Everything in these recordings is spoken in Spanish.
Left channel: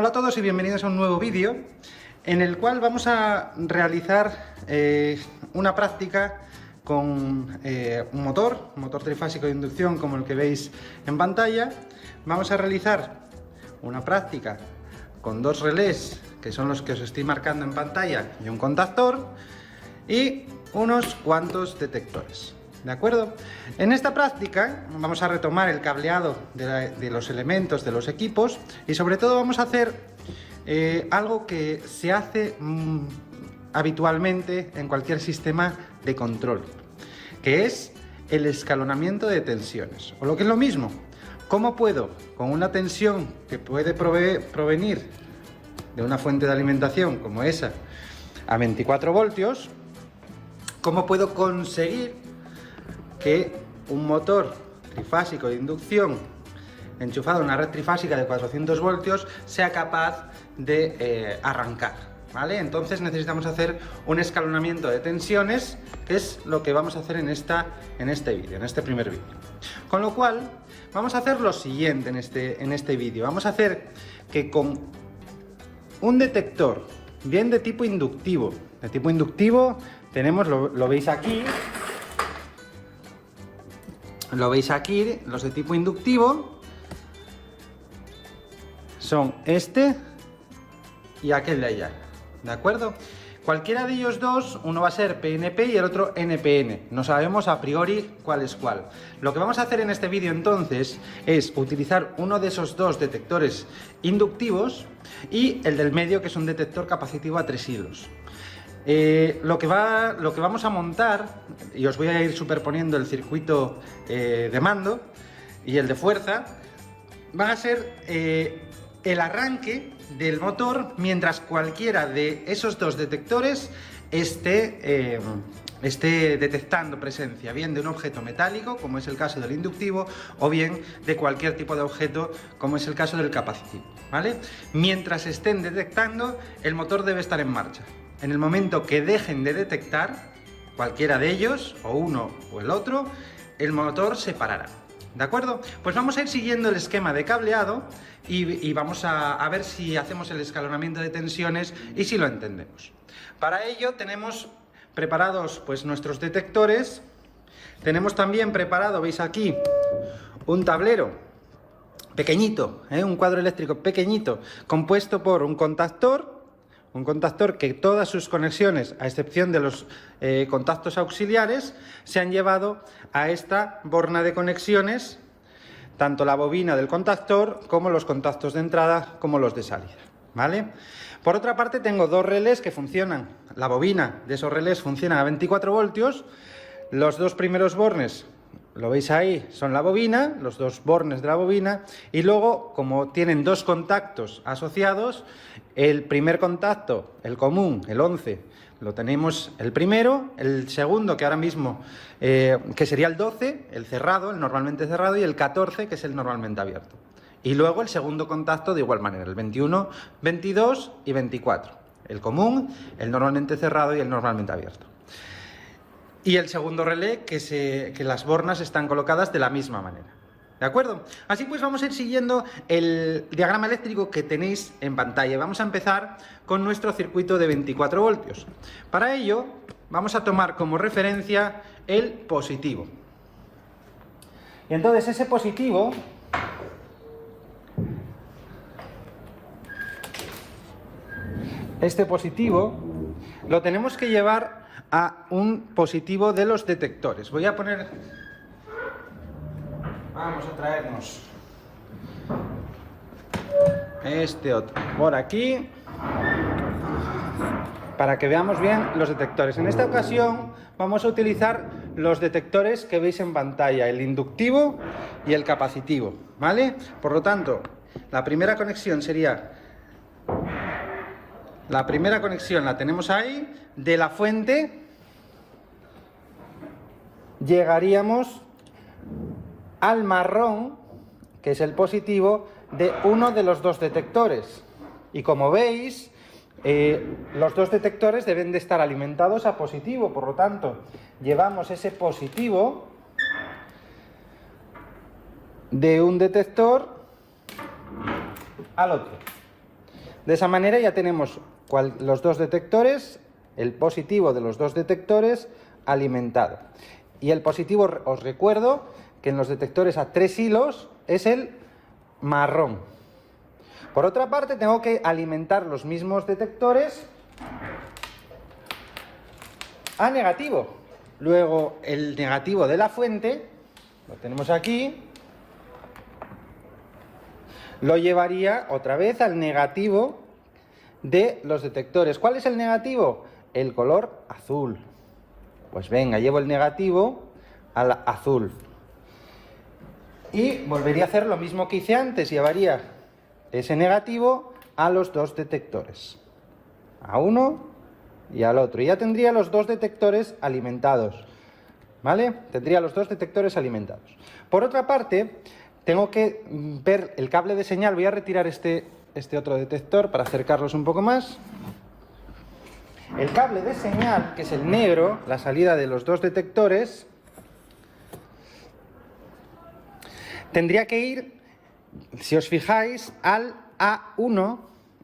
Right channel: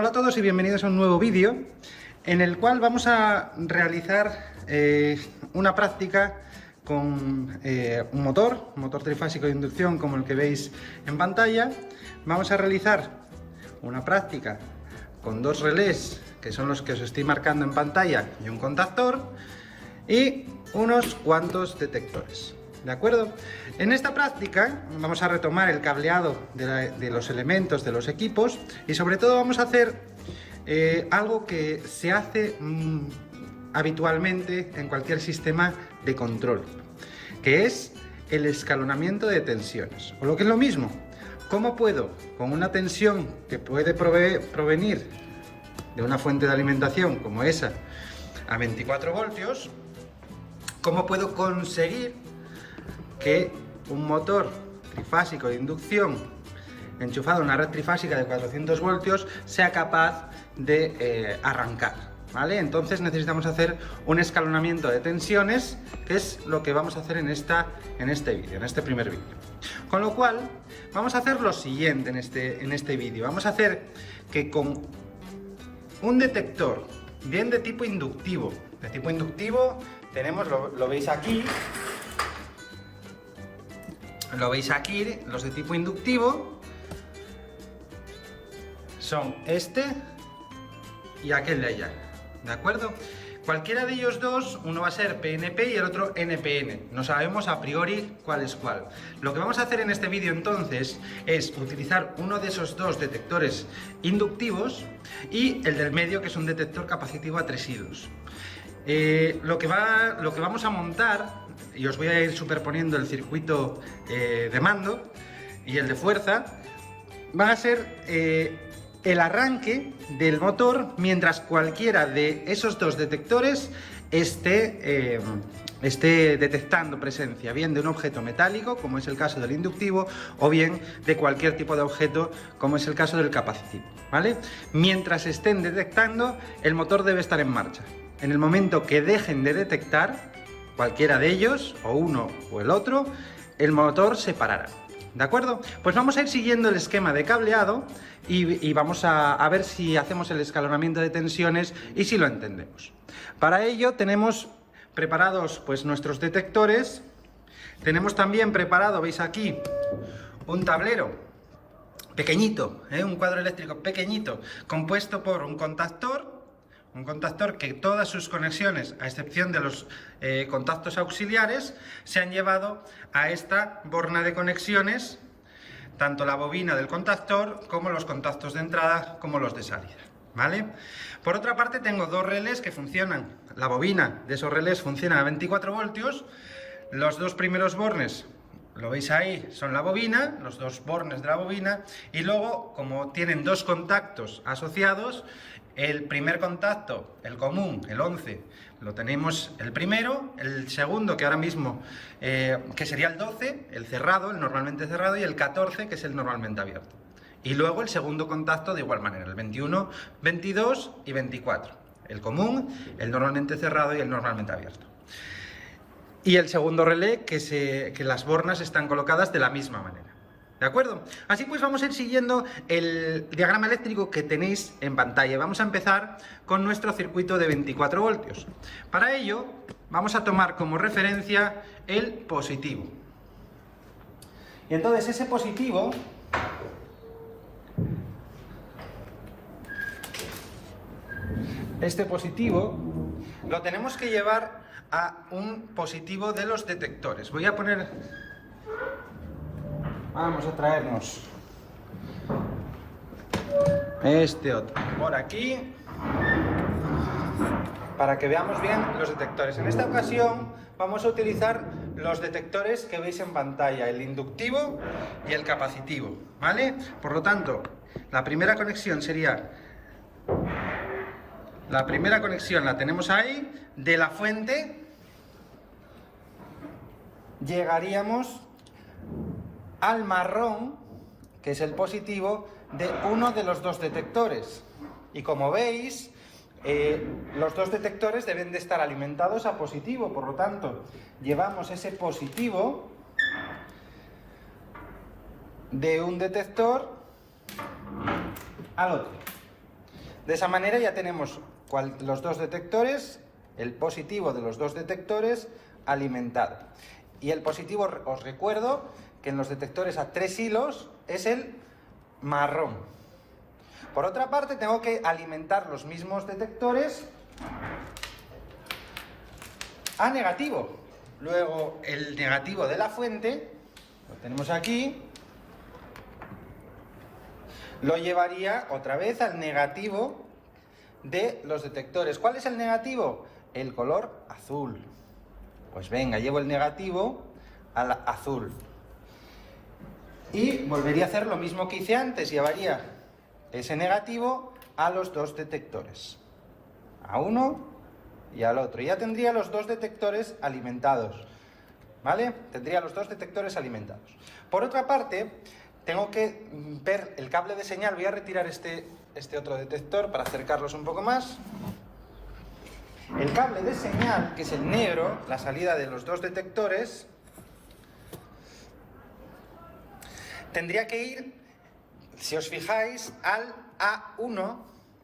Hola a todos y bienvenidos a un nuevo vídeo en el cual vamos a realizar una práctica con un motor trifásico de inducción como el que veis en pantalla. Vamos a realizar una práctica con dos relés, que son los que os estoy marcando en pantalla, y un contactor y unos cuantos detectores. ¿De acuerdo? En esta práctica vamos a retomar el cableado de los elementos de los equipos y sobre todo vamos a hacer algo que se hace habitualmente en cualquier sistema de control, que es el escalonamiento de tensiones, o lo que es lo mismo, cómo puedo, con una tensión que puede provenir de una fuente de alimentación como esa a 24 voltios, cómo puedo conseguir que un motor trifásico de inducción enchufado a una red trifásica de 400 voltios sea capaz de arrancar, ¿vale? Entonces necesitamos hacer un escalonamiento de tensiones, que es lo que vamos a hacer en este primer vídeo. Con lo cual, vamos a hacer lo siguiente en este vídeo. Vamos a hacer que con un detector bien de tipo inductivo tenemos, lo veis aquí. Lo veis aquí, los de tipo inductivo son este y aquel de allá, ¿de acuerdo? Cualquiera de ellos dos, uno va a ser PNP y el otro NPN, no sabemos a priori cuál es cuál. Lo que vamos a hacer en este vídeo entonces es utilizar uno de esos dos detectores inductivos y el del medio, que es un detector capacitivo a 3 hilos. Lo que vamos a montar, y os voy a ir superponiendo el circuito de mando y el de fuerza, va a ser el arranque del motor mientras cualquiera de esos dos detectores esté detectando presencia, bien de un objeto metálico, como es el caso del inductivo, o bien de cualquier tipo de objeto, como es el caso del capacitivo, ¿vale? Mientras estén detectando, el motor debe estar en marcha. En el momento que dejen de detectar, cualquiera de ellos, o uno o el otro, el motor se parará. ¿De acuerdo? Pues vamos a ir siguiendo el esquema de cableado y vamos a ver si hacemos el escalonamiento de tensiones y si lo entendemos. Para ello tenemos preparados pues nuestros detectores. Tenemos también preparado, veis aquí, un tablero pequeñito, un cuadro eléctrico pequeñito, compuesto por un contactor que todas sus conexiones, a excepción de los contactos auxiliares, se han llevado a esta borna de conexiones, tanto la bobina del contactor como los contactos de entrada como los de salida, ¿vale? Por otra parte, tengo dos relés que funcionan. La bobina de esos relés funciona a 24 voltios. Los dos primeros bornes, lo veis ahí, son la bobina, los dos bornes de la bobina, y luego, como tienen dos contactos asociados, el primer contacto, el común, el 11, lo tenemos el primero, el segundo, que ahora mismo, que sería el 12, el cerrado, el normalmente cerrado, y el 14, que es el normalmente abierto. Y luego el segundo contacto de igual manera, el 21, 22 y 24. El común, el normalmente cerrado y el normalmente abierto. Y el segundo relé, que las bornas están colocadas de la misma manera. ¿De acuerdo? Así pues vamos a ir siguiendo el diagrama eléctrico que tenéis en pantalla. Vamos a empezar con nuestro circuito de 24 voltios. Para ello vamos a tomar como referencia el positivo. Y entonces ese positivo lo tenemos que llevar a un positivo de los detectores. Vamos a traernos este otro por aquí para que veamos bien los detectores. En esta ocasión vamos a utilizar los detectores que veis en pantalla, el inductivo y el capacitivo, ¿vale? Por lo tanto, la primera conexión la tenemos ahí. De la fuente llegaríamos al marrón, que es el positivo de uno de los dos detectores. Y como veis, los dos detectores deben de estar alimentados a positivo, por lo tanto, llevamos ese positivo de un detector al otro. De esa manera ya tenemos los dos detectores, el positivo de los dos detectores alimentado. Y el positivo, os recuerdo que en los detectores a 3 hilos es el marrón. Por otra parte, tengo que alimentar los mismos detectores a negativo. Luego, el negativo de la fuente, lo tenemos aquí, lo llevaría otra vez al negativo de los detectores. ¿Cuál es el negativo? El color azul. Pues venga, llevo el negativo al azul. Y volvería a hacer lo mismo que hice antes, llevaría ese negativo a los dos detectores, a uno y al otro. Y ya tendría los dos detectores alimentados, ¿vale? Tendría los dos detectores alimentados. Por otra parte, tengo que ver el cable de señal. Voy a retirar este otro detector para acercarlos un poco más. El cable de señal, que es el negro, la salida de los dos detectores, tendría que ir, si os fijáis, al A1,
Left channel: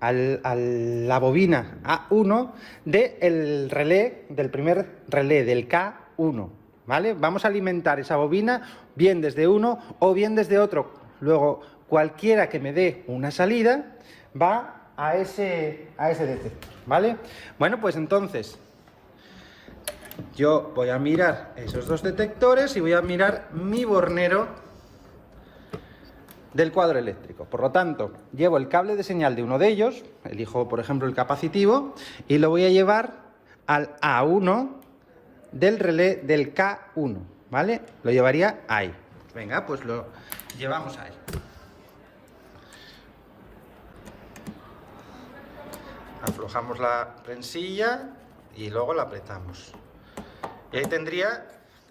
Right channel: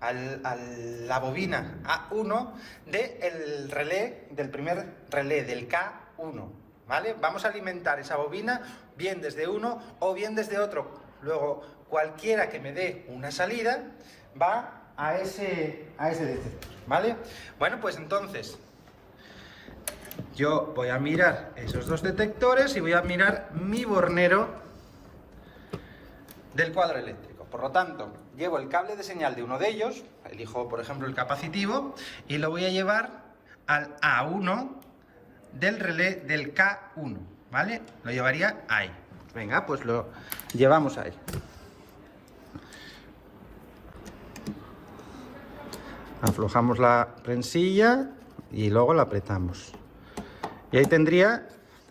a la bobina A1 del relé, del primer relé, del K1, ¿vale? Vamos a alimentar esa bobina bien desde uno o bien desde otro. Luego, cualquiera que me dé una salida va a ese detector, ¿vale? Bueno, pues entonces yo voy a mirar esos dos detectores y voy a mirar mi bornero del cuadro eléctrico. Por lo tanto, llevo el cable de señal de uno de ellos, elijo por ejemplo el capacitivo, y lo voy a llevar al A1 del relé del K1, ¿vale? Lo llevaría ahí. Venga, pues lo llevamos ahí. Aflojamos la prensilla y luego la apretamos. Y ahí tendría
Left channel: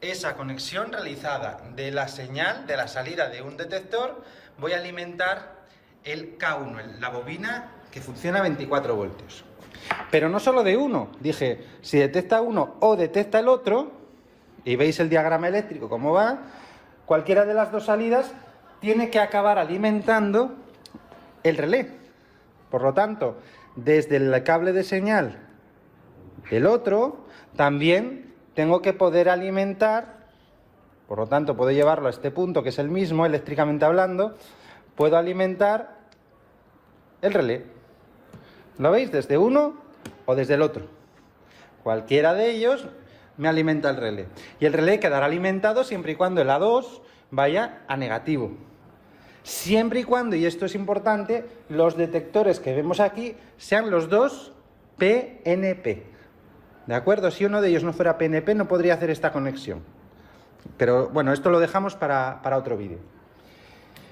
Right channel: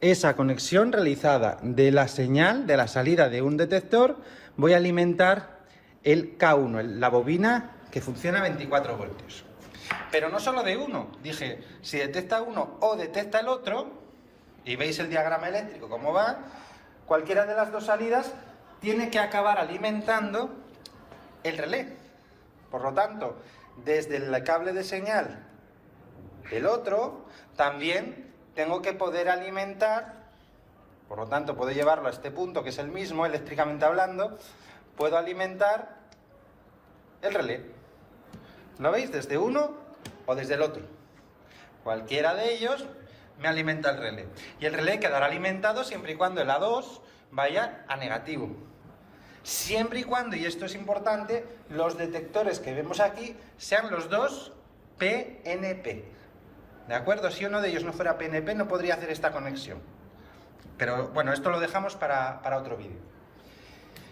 esa conexión realizada de la señal, de la salida de un detector. Voy a alimentar el K1, la bobina que funciona a 24 voltios. Pero no solo de uno. Dije, si detecta uno o detecta el otro, y veis el diagrama eléctrico cómo va, cualquiera de las dos salidas tiene que acabar alimentando el relé. Por lo tanto, desde el cable de señal del otro, también tengo que poder alimentar, por lo tanto puedo llevarlo a este punto que es el mismo, eléctricamente hablando, puedo alimentar el relé. ¿Lo veis? Desde uno o desde el otro. Cualquiera de ellos me alimenta el relé. Y el relé quedará alimentado siempre y cuando el A2 vaya a negativo. Siempre y cuando, y esto es importante, los detectores que vemos aquí sean los dos PNP. ¿De acuerdo? Si uno de ellos no fuera PNP no podría hacer esta conexión. Pero bueno, esto lo dejamos para otro vídeo.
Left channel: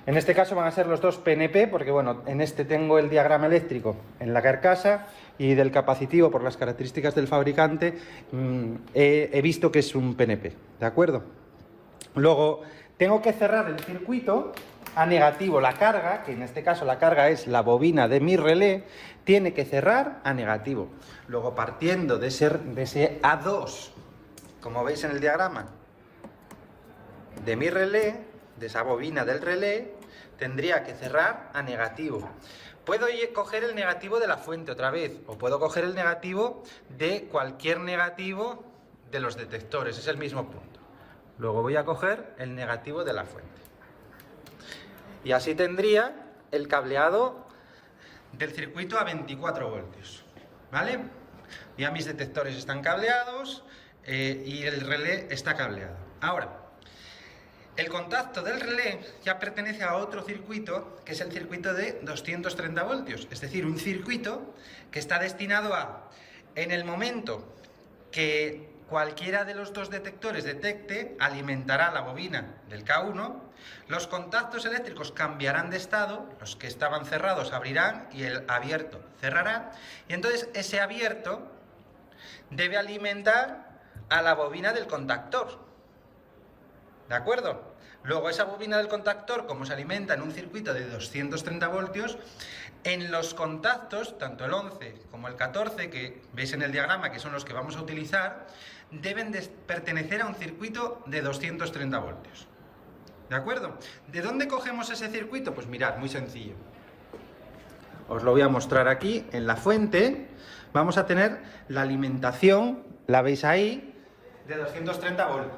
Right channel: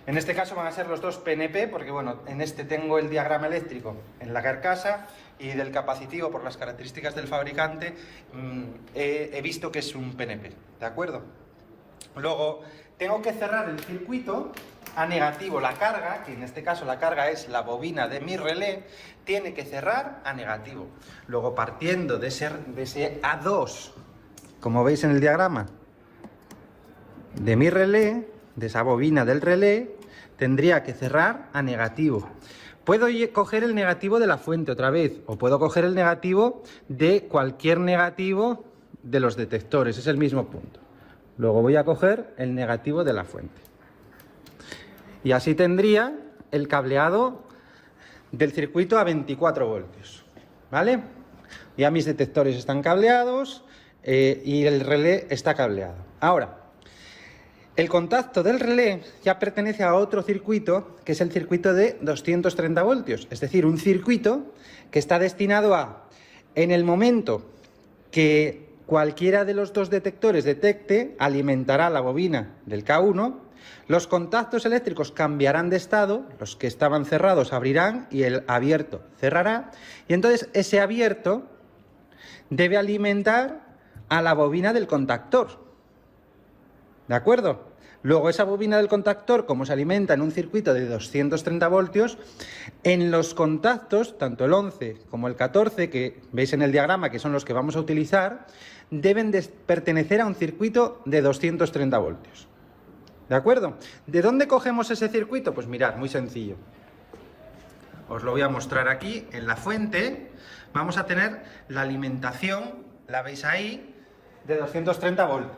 En este caso van a ser los dos PNP porque bueno, en este tengo el diagrama eléctrico en la carcasa y del capacitivo por las características del fabricante he visto que es un PNP. ¿De acuerdo? Luego tengo que cerrar el circuito a negativo. La carga, que en este caso la carga es la bobina de mi relé, tiene que cerrar a negativo. Luego partiendo de ese A2, como veis en el diagrama, de mi relé, de esa bobina del relé, tendría que cerrar a negativo. Puedo coger el negativo de la fuente otra vez, o puedo coger el negativo de cualquier negativo de los detectores, es el mismo punto. Luego voy a coger el negativo de la fuente. Y así tendría el cableado del circuito a 24 voltios. ¿Vale? Ya mis detectores están cableados y el relé está cableado. Ahora, el contacto del relé ya pertenece a otro circuito, que es el circuito de 230 voltios. Es decir, un circuito que está destinado a, en el momento que cualquiera de los dos detectores detecte, alimentará la bobina del K1, los contactos eléctricos cambiarán de estado, los que estaban cerrados abrirán y el abierto cerrará, y entonces ese abierto debe alimentar a la bobina del contactor. ¿De acuerdo? Luego esa bobina del contactor, como se alimenta en un circuito de 230 voltios, en los contactos, tanto el 11 como el 14, que veis en el diagrama que son los que vamos a utilizar, deben de pertenecer a un circuito de 230 voltios. ¿De acuerdo? ¿De dónde cogemos ese circuito? Pues mirad, muy sencillo. os lo voy a mostrar aquí, en la fuente, vamos a tener la alimentación, la veis ahí, de 230 voltios.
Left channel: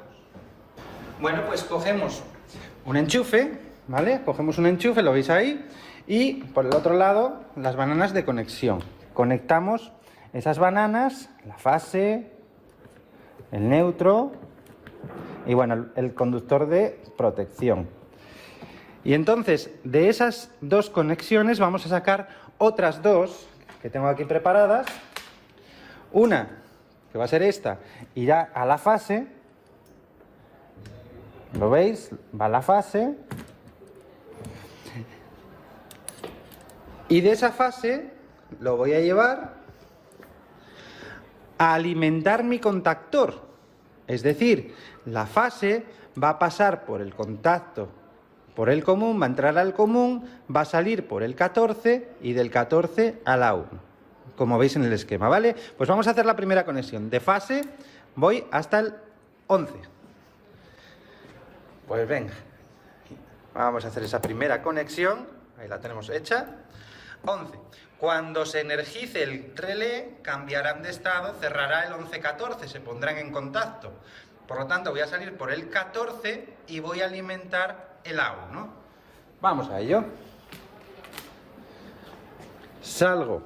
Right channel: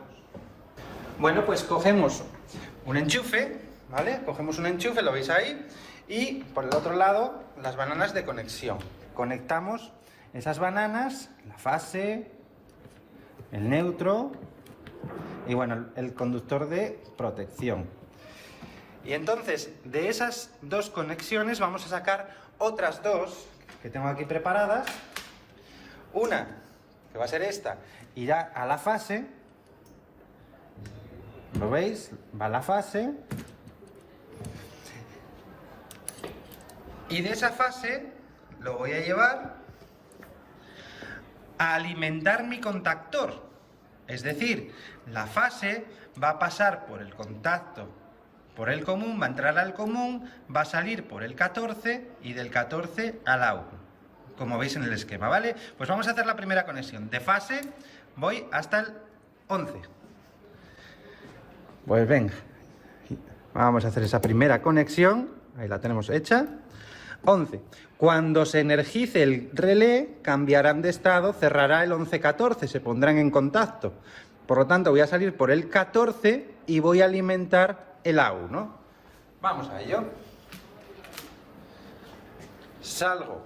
Bueno, pues cogemos un enchufe, ¿vale? Cogemos un enchufe, lo veis ahí, y por el otro lado, las bananas de conexión. Conectamos esas bananas, la fase, el neutro y bueno, el conductor de protección. Y entonces, de esas dos conexiones vamos a sacar otras dos que tengo aquí preparadas. Una, que va a ser esta, irá a la fase. ¿Lo veis? Va a la fase. Y de esa fase lo voy a llevar a alimentar mi contactor. Es decir, la fase va a pasar por el contacto, por el común, va a entrar al común, va a salir por el 14 y del 14 a la 1. Como veis en el esquema, ¿vale? Pues vamos a hacer la primera conexión. De fase voy hasta el 11. Pues venga, vamos a hacer esa primera conexión. Ahí la tenemos hecha. 11. Cuando se energice el relé, cambiarán de estado, cerrará el 11-14, se pondrán en contacto. Por lo tanto, voy a salir por el 14 y voy a alimentar el A1. Vamos a ello. Salgo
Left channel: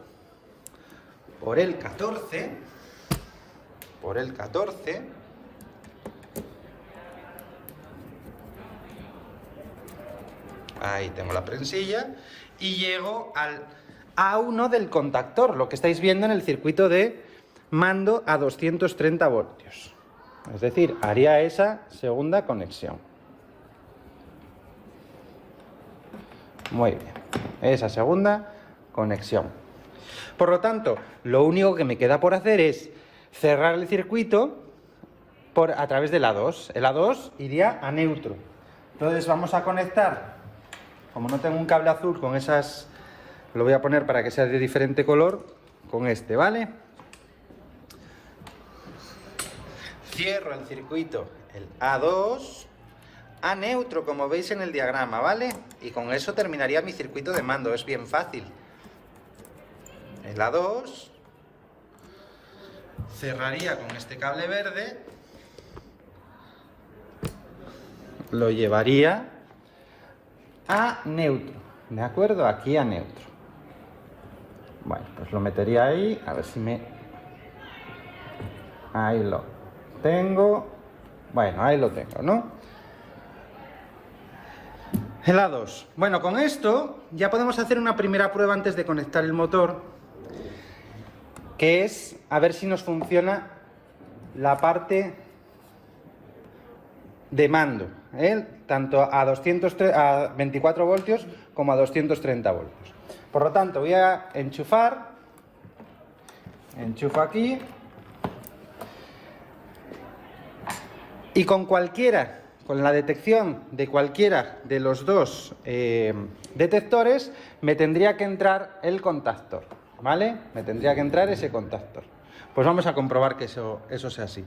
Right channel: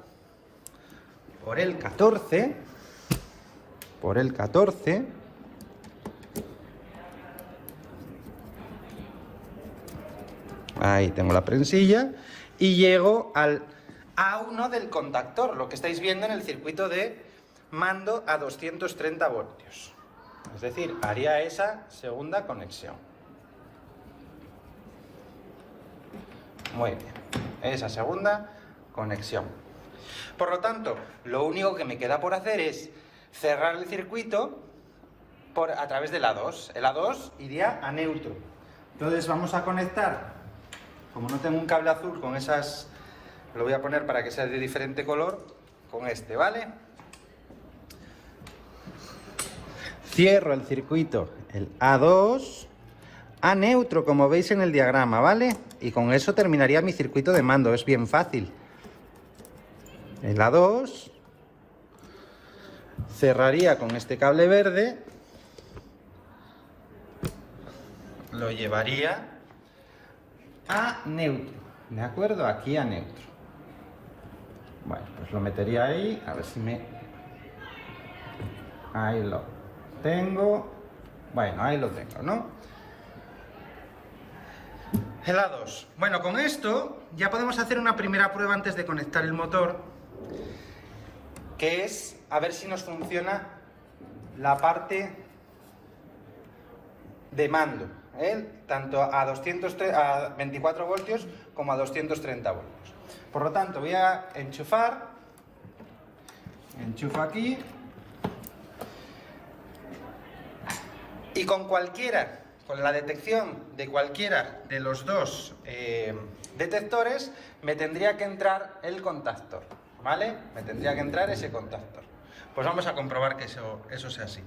por el 14. Por el 14. Ahí tengo la prensilla. Y llego al A1 del contactor, lo que estáis viendo en el circuito de mando a 230 voltios. Es decir, haría esa segunda conexión. Muy bien, esa segunda conexión. Por lo tanto, lo único que me queda por hacer es cerrar el circuito a través del A2. El A2 iría a neutro. Entonces vamos a conectar, como no tengo un cable azul con esas, lo voy a poner para que sea de diferente color, con este, ¿vale? Cierro el circuito, el A2, a neutro, como veis en el diagrama, ¿vale? Y con eso terminaría mi circuito de mando, es bien fácil. El A2, cerraría con este cable verde, lo llevaría a neutro, ¿de acuerdo? Aquí a neutro. Bueno, pues lo metería ahí, a ver si me... Ahí lo tengo. Bueno, ahí lo tengo, ¿no? El A2. Bueno, con esto ya podemos hacer una primera prueba antes de conectar el motor, que es a ver si nos funciona la parte de mando, tanto a 24 voltios como a 230 voltios. Por lo tanto, voy a enchufar, enchufo aquí, y con la detección de cualquiera de los dos detectores, me tendría que entrar el contactor, ¿vale? Me tendría que entrar ese contactor. Pues vamos a comprobar que eso sea así.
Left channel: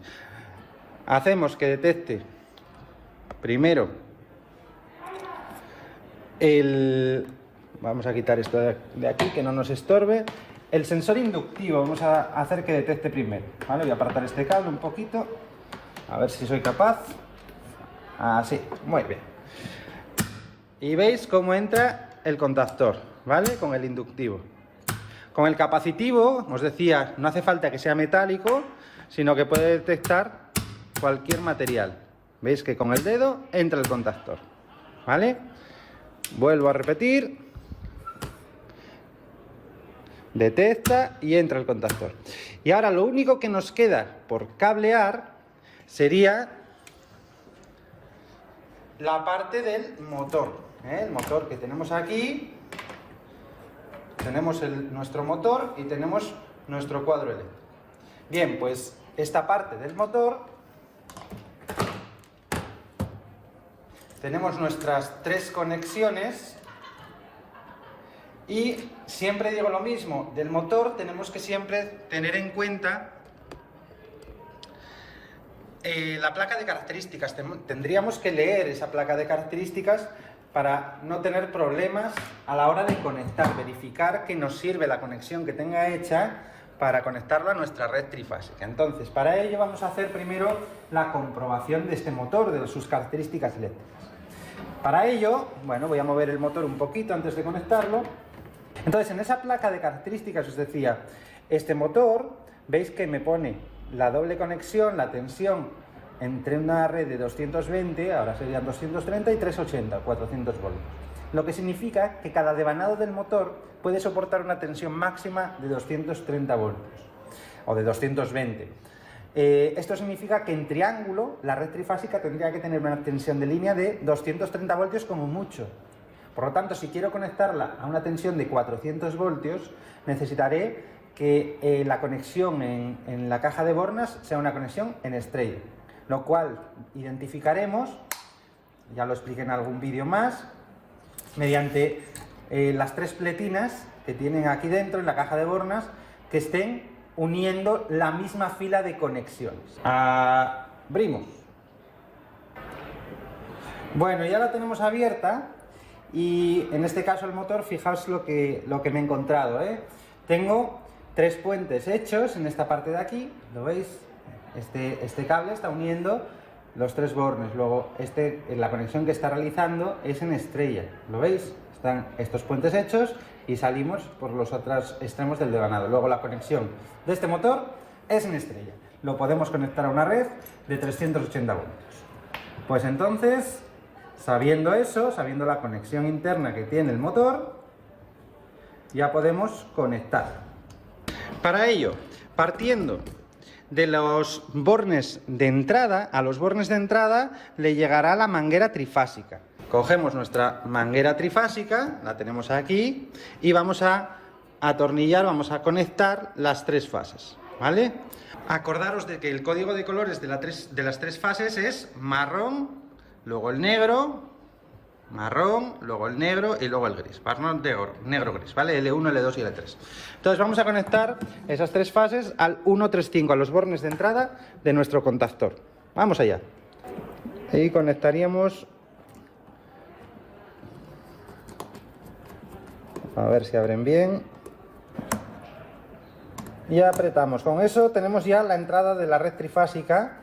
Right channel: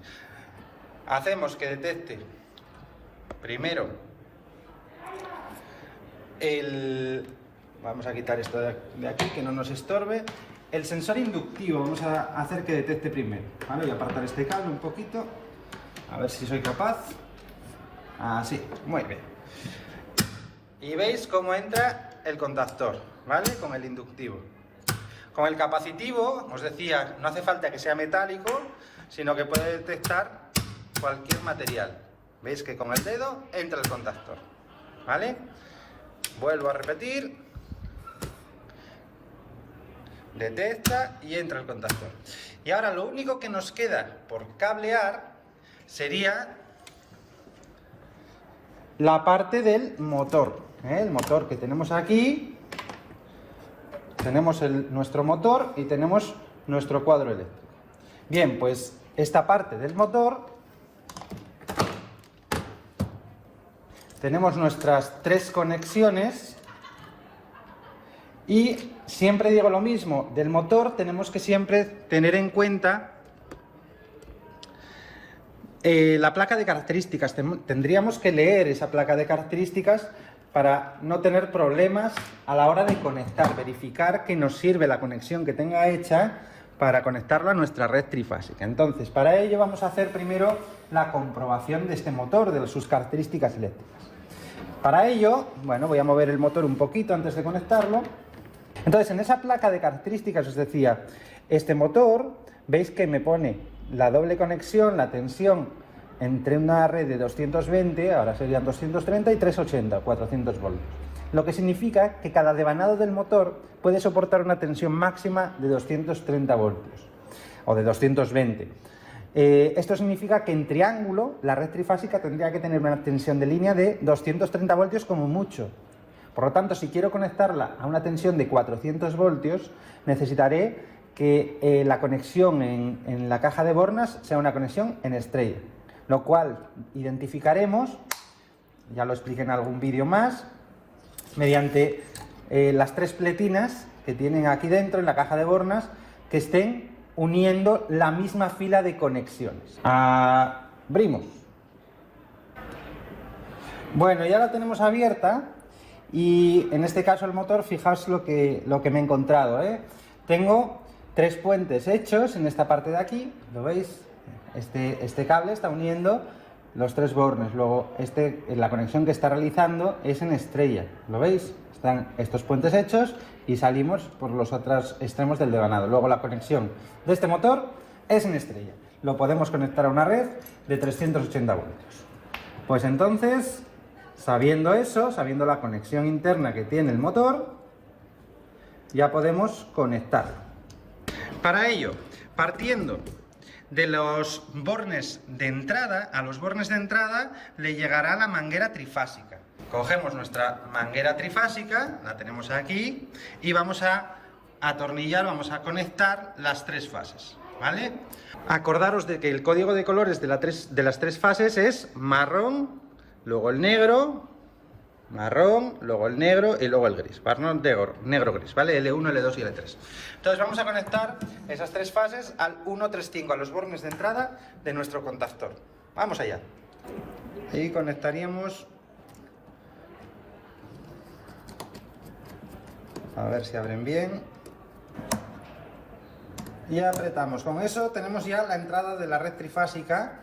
Hacemos que detecte primero vamos a quitar esto de aquí que no nos estorbe. El sensor inductivo vamos a hacer que detecte primero, ¿vale? Voy a apartar este cable un poquito, a ver si soy capaz. Así, muy bien. Y veis cómo entra el contactor, ¿vale? Con el inductivo. Con el capacitivo, os decía, no hace falta que sea metálico, sino que puede detectar cualquier material. Veis que con el dedo entra el contactor, ¿vale? Vuelvo a repetir. Detecta y entra el contactor. Y ahora lo único que nos queda por cablear sería la parte del motor, el motor que tenemos aquí. Tenemos nuestro motor y tenemos nuestro cuadro eléctrico. Bien, pues esta parte del motor, tenemos nuestras tres conexiones. Y siempre digo lo mismo, del motor tenemos que siempre tener en cuenta la placa de características. Tendríamos que leer esa placa de características para no tener problemas a la hora de conectar, verificar que nos sirve la conexión que tenga hecha para conectarla a nuestra red trifásica. Entonces, para ello vamos a hacer primero la comprobación de este motor, de sus características eléctricas. Para ello, bueno, voy a mover el motor un poquito antes de conectarlo. Entonces, en esa placa de características os decía, este motor, veis que me pone la doble conexión, la tensión entre una red de 220, ahora serían 230 y 380, 400 voltios. Lo que significa que cada devanado del motor puede soportar una tensión máxima de 230 voltios o de 220. Esto significa que en triángulo la red trifásica tendría que tener una tensión de línea de 230 voltios como mucho. Por lo tanto, si quiero conectarla a una tensión de 400 voltios, necesitaré que la conexión en la caja de bornas sea una conexión en estrella, lo cual identificaremos, ya lo expliqué en algún vídeo más, mediante las tres pletinas que tienen aquí dentro en la caja de bornas que estén uniendo la misma fila de conexiones. Abrimos. Bueno, ya la tenemos abierta y en este caso el motor, fijaos lo que me he encontrado, ¿eh? Tengo tres puentes hechos en esta parte de aquí, ¿lo veis? Este cable está uniendo los tres bornes, luego la conexión que está realizando es en estrella, ¿lo veis? Están estos puentes hechos y salimos por los otros extremos del devanado. Luego la conexión de este motor es en estrella. Lo podemos conectar a una red de 380 voltios. Pues entonces, sabiendo eso, sabiendo la conexión interna que tiene el motor, ya podemos conectar. Para ello, partiendo de los bornes de entrada, a los bornes de entrada le llegará la manguera trifásica. Cogemos nuestra manguera trifásica, la tenemos aquí, y vamos a atornillar, vamos a conectar las tres fases, ¿vale? Acordaros de que el código de colores de las tres fases es marrón, luego el negro, marrón, luego el negro y luego el gris. Marrón, negro, gris, ¿vale? L1, L2 y L3. Entonces vamos a conectar esas tres fases al 135, a los bornes de entrada de nuestro contactor. Vamos allá. Y conectaríamos... A ver si abren bien. Y apretamos. Con eso tenemos ya la entrada de la red trifásica.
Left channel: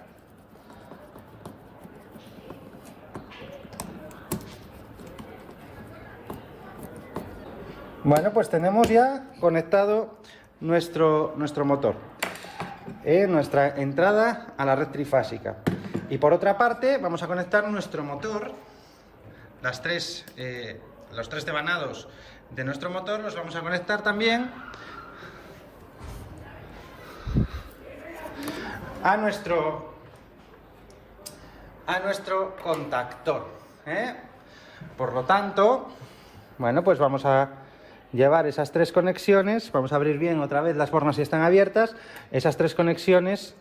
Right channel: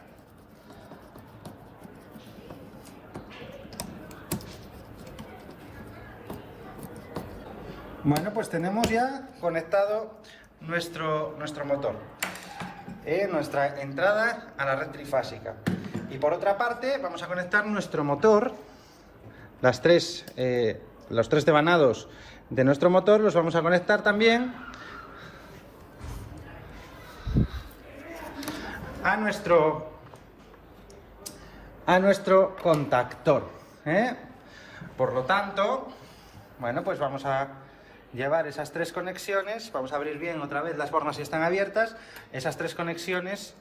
Bueno, pues tenemos ya conectado nuestro motor. Nuestra entrada a la red trifásica. Y por otra parte vamos a conectar nuestro motor. Los tres devanados de nuestro motor los vamos a conectar también a nuestro contactor, ¿eh? Por lo tanto, bueno, pues vamos a llevar esas tres conexiones, vamos a abrir bien otra vez las bornas si están abiertas, esas tres conexiones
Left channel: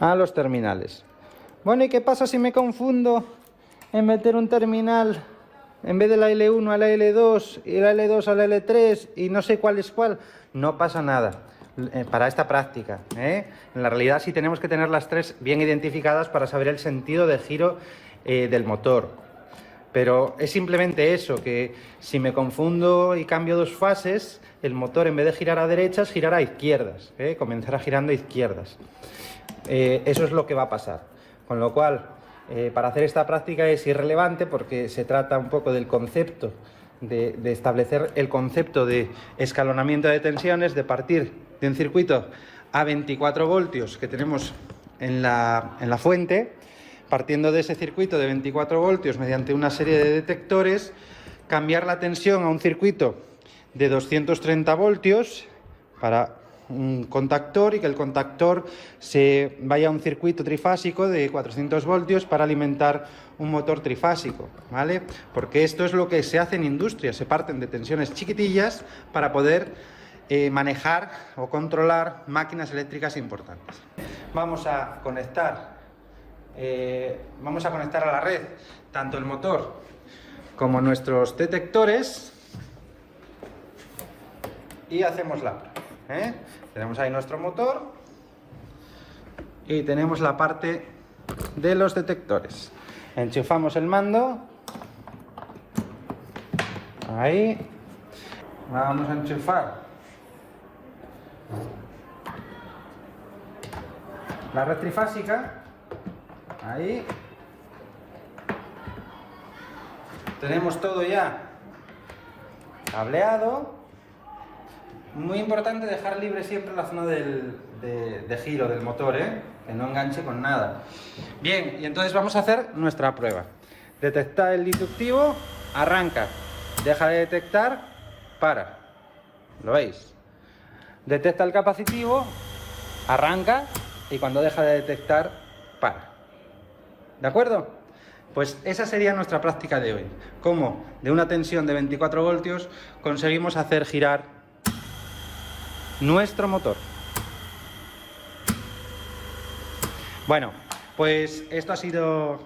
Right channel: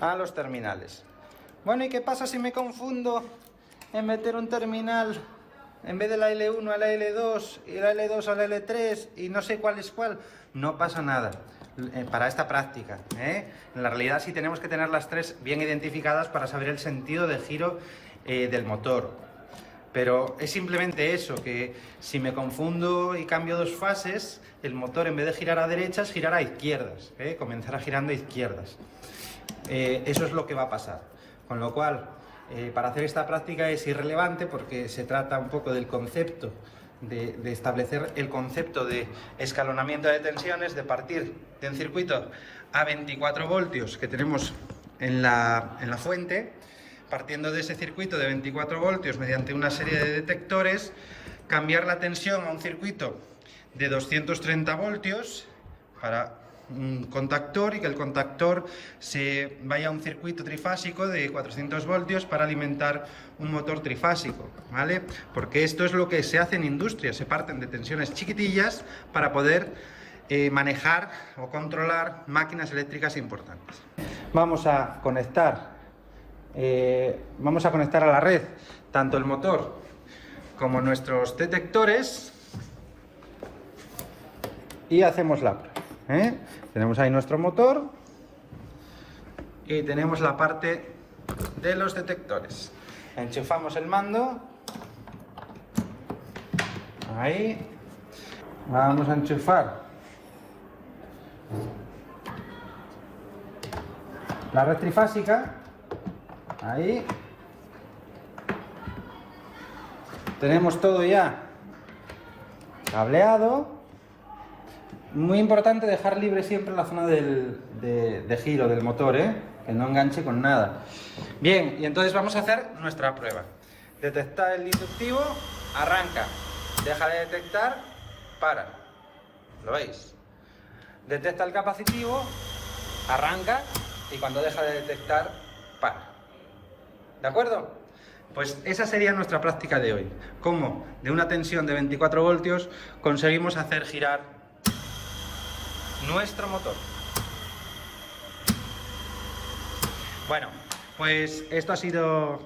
a los terminales. Bueno, ¿y qué pasa si me confundo en meter un terminal en vez de la L1 a la L2 y la L2 a la L3 y no sé cuál es cuál? No pasa nada para esta práctica, ¿eh? En la realidad sí tenemos que tener las tres bien identificadas para saber el sentido de giro del motor. Pero es simplemente eso, que si me confundo y cambio dos fases, el motor en vez de girar a derechas, girará a izquierdas, comenzará girando a izquierdas. Eso es lo que va a pasar. Con lo cual, para hacer esta práctica es irrelevante porque se trata un poco del concepto, de establecer el concepto de escalonamiento de tensiones, de partir de un circuito a 24 voltios que tenemos en la fuente, partiendo de ese circuito de 24 voltios mediante una serie de detectores, cambiar la tensión a un circuito de 230 voltios para un contactor y que el contactor se vaya a un circuito trifásico de 400 voltios para alimentar un motor trifásico, ¿vale? Porque esto es lo que se hace en industria, se parten de tensiones chiquitillas para poder manejar o controlar máquinas eléctricas importantes. Vamos a conectar a la red tanto el motor como nuestros detectores y hacemos la prueba, Tenemos ahí nuestro motor y tenemos la parte de los detectores. Enchufamos el mando. Ahí. Vamos a enchufar la red trifásica. Ahí. Tenemos todo ya cableado. Muy importante dejar libre siempre la zona de giro del motor, que no enganche con nada. Bien, y entonces vamos a hacer nuestra prueba. Detecta el inductivo, arranca. Deja de detectar, para. ¿Lo veis? Detecta el capacitivo, arranca, y cuando deja de detectar, para. ¿De acuerdo? Pues esa sería nuestra práctica de hoy. Cómo de una tensión de 24 voltios conseguimos hacer girar nuestro motor. Bueno, pues esto ha sido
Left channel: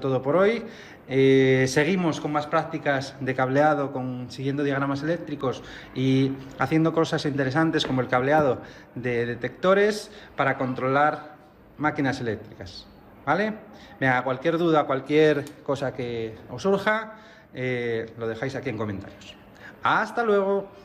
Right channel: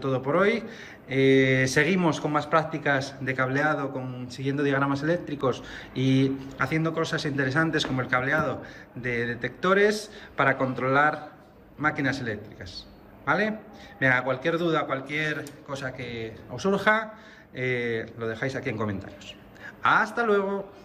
todo por hoy. Seguimos con más prácticas de cableado, siguiendo diagramas eléctricos y haciendo cosas interesantes como el cableado de detectores para controlar máquinas eléctricas. ¿Vale? Venga, cualquier duda, cualquier cosa que os surja, lo dejáis aquí en comentarios. ¡Hasta luego!